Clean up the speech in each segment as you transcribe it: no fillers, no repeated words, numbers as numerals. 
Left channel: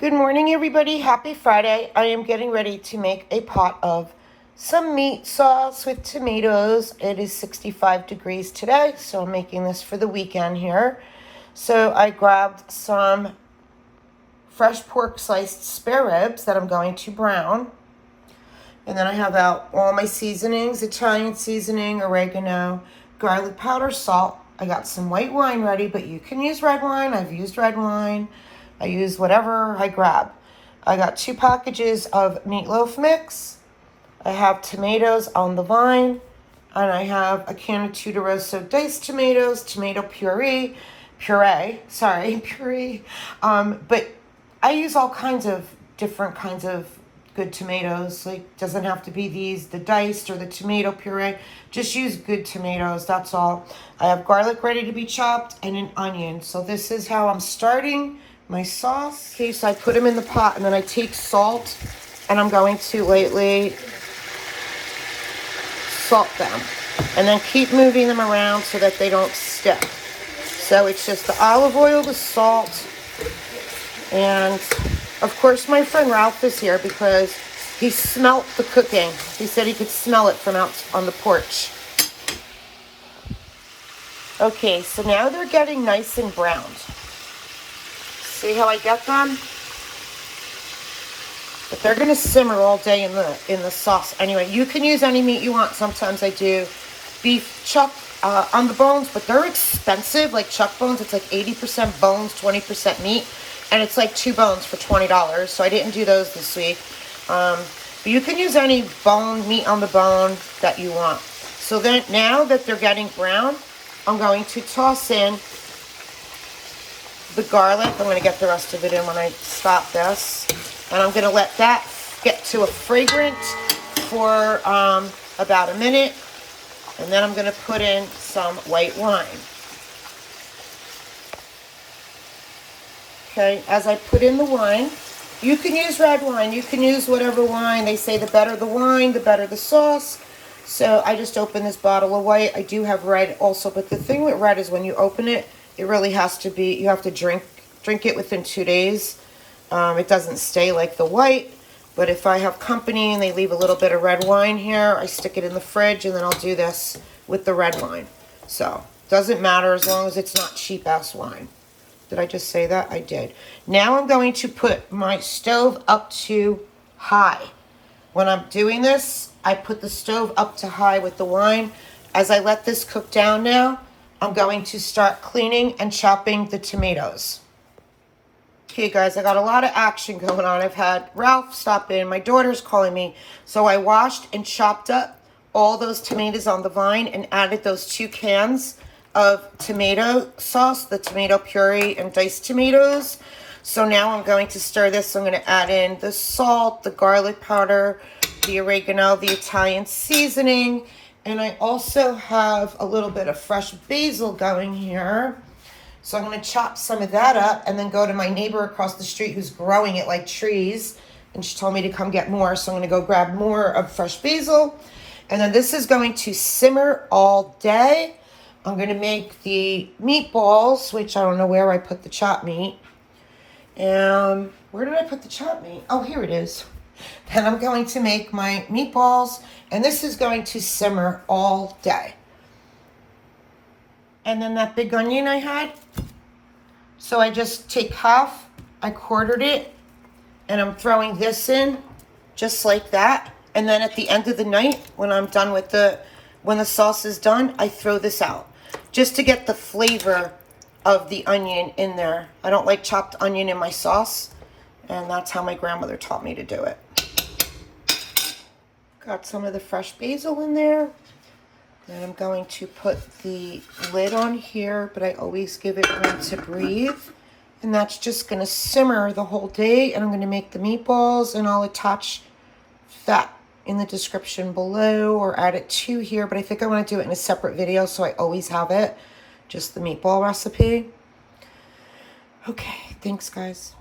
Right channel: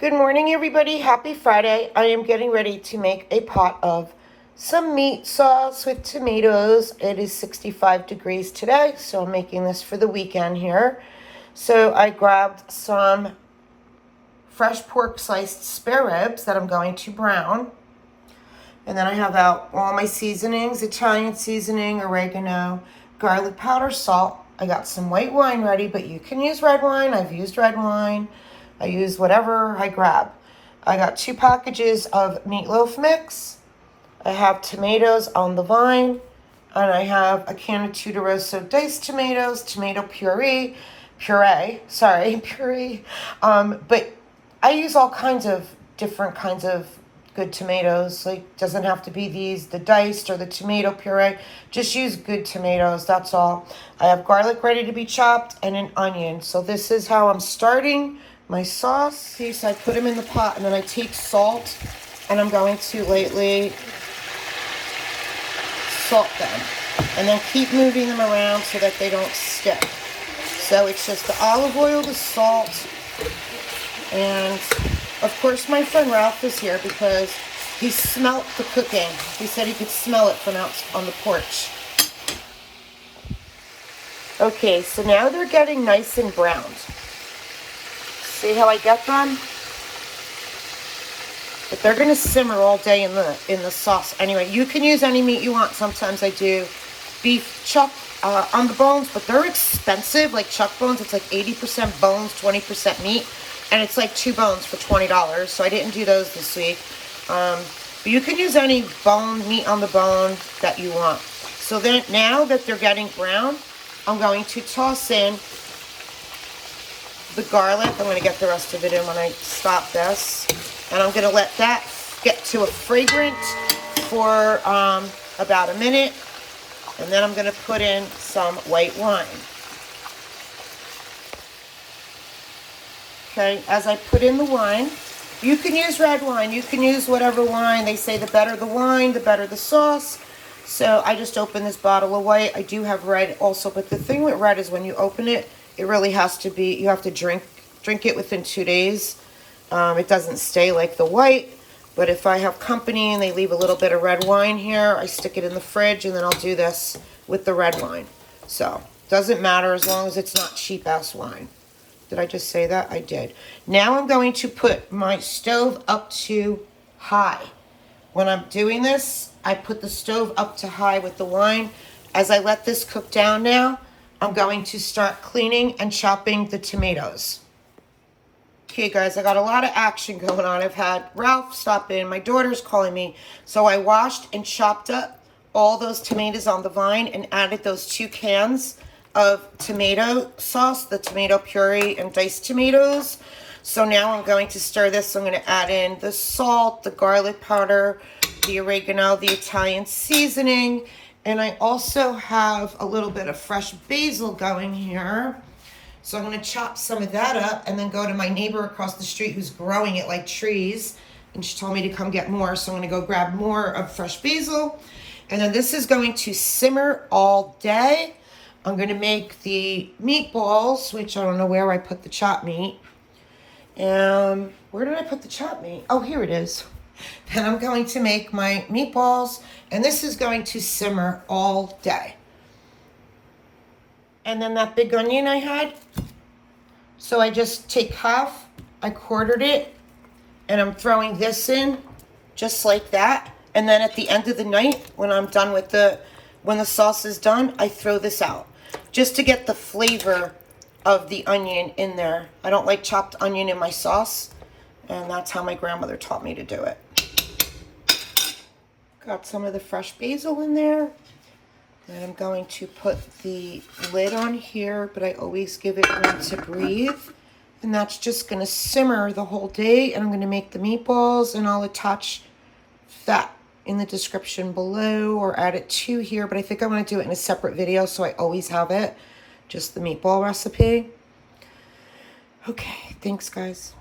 Good morning, everybody. Happy Friday. I am getting ready to make a pot of some meat sauce with tomatoes. It is 65 degrees today, so I'm making this for the weekend here. So I grabbed some fresh pork sliced spare ribs that I'm going to brown. And then I have out all my seasonings, Italian seasoning, oregano, garlic powder, salt. I got some white wine ready, but you can use red wine. I've used red wine. I use whatever I grab. I got 2 packages of meatloaf mix. I have tomatoes on the vine. And I have a can of Tudoroso diced tomatoes, tomato puree. But I use all kinds of different kinds of good tomatoes. Like, doesn't have to be the diced or the tomato puree. Just use good tomatoes, that's all. I have garlic ready to be chopped and an onion. So this is how I'm starting my sauce. Okay, so I put them in the pot and then I take salt and I'm going to lightly salt them. And then keep moving them around so that they don't stick. So it's just the olive oil, the salt, and of course my friend Ralph is here because he smelt the cooking. He said he could smell it from out on the porch. Okay, so now they're getting nice and browned. See how I get them? But they're gonna simmer all day in the sauce. Anyway, you can use any meat you want. Sometimes I do beef chuck on the bones, but they're expensive. Like chuck bones, it's like 80% bones, 20% meat, and it's like 2 bones for $20. So I didn't do those this week. But you can use any meat on the bone that you want. So then, now that they're getting brown, I'm going to toss in the garlic. I'm going to get the rest of it in when I stop this. And I'm going to let that get to a fragrance for about a minute. And then I'm going to put in some white wine. Okay, as I put in the wine, you can use red wine. You can use whatever wine. They say the better the wine, the better the sauce. So I just opened this bottle of white. I do have red also, but the thing with red is when you open it, it really has to be, you have to drink it within 2 days. It doesn't stay like the white, but if I have company and they leave a little bit of red wine here, I stick it in the fridge and then I'll do this with the red wine. So, doesn't matter as long as it's not cheap-ass wine. Did I just say that? I did. Now I'm going to put my stove up to high. When I'm doing this, I put the stove up to high with the wine. As I let this cook down now, I'm going to start cleaning and chopping the tomatoes. Okay, guys, I got a lot of action going on. I've had Ralph stop in. My daughter's calling me. So I washed and chopped up all those tomatoes on the vine and added those 2 cans of tomato sauce, the tomato puree and diced tomatoes. So now I'm going to stir this. I'm going to add in the salt, the garlic powder, the oregano, the Italian seasoning. And I also have a little bit of fresh basil going here. So I'm going to chop some of that up and then go to my neighbor across the street who's growing it like trees. And she told me to come get more. So I'm going to go grab more of fresh basil. And then this is going to simmer all day. I'm going to make the meatballs, which I don't know where I put the chopped meat. Where did I put the chopped meat? Oh, here it is. And I'm going to make my meatballs. And this is going to simmer all day. And then that big onion I had, so I just take half, I quartered it, and I'm throwing this in just like that. And then at the end of the night, when I'm done with when the sauce is done, I throw this out just to get the flavor of the onion in there. I don't like chopped onion in my sauce, and that's how my grandmother taught me to do it. Got some of the fresh basil in there. And I'm going to put the lid on here, but I always give it room to breathe. And that's just going to simmer the whole day. And I'm going to make the meatballs, and I'll attach that in the description below or add it to here. But I think I want to do it in a separate video, so I always have it. Just the meatball recipe. Okay, thanks, guys.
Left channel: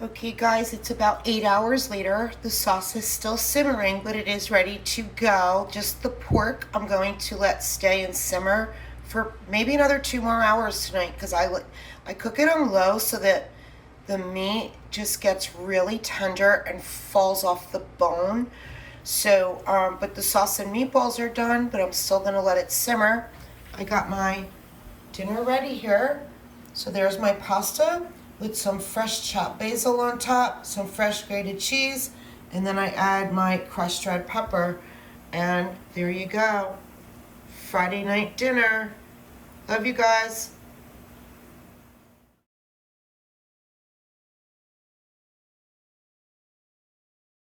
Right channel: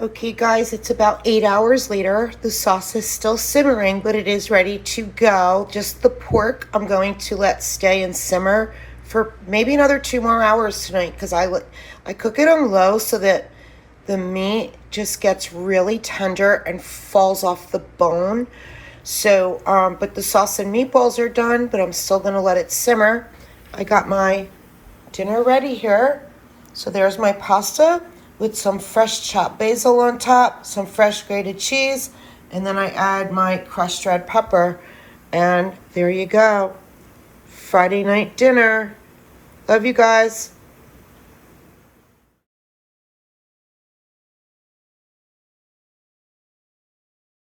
Okay, guys, it's about 8 hours later. The sauce is still simmering, but it is ready to go. Just the pork I'm going to let stay and simmer for maybe another 2 more hours tonight because I cook it on low so that the meat just gets really tender and falls off the bone. So, but the sauce and meatballs are done, but I'm still gonna let it simmer. I got my dinner ready here. So there's my pasta with some fresh chopped basil on top, some fresh grated cheese, and then I add my crushed red pepper. And there you go. Friday night dinner. Love you guys.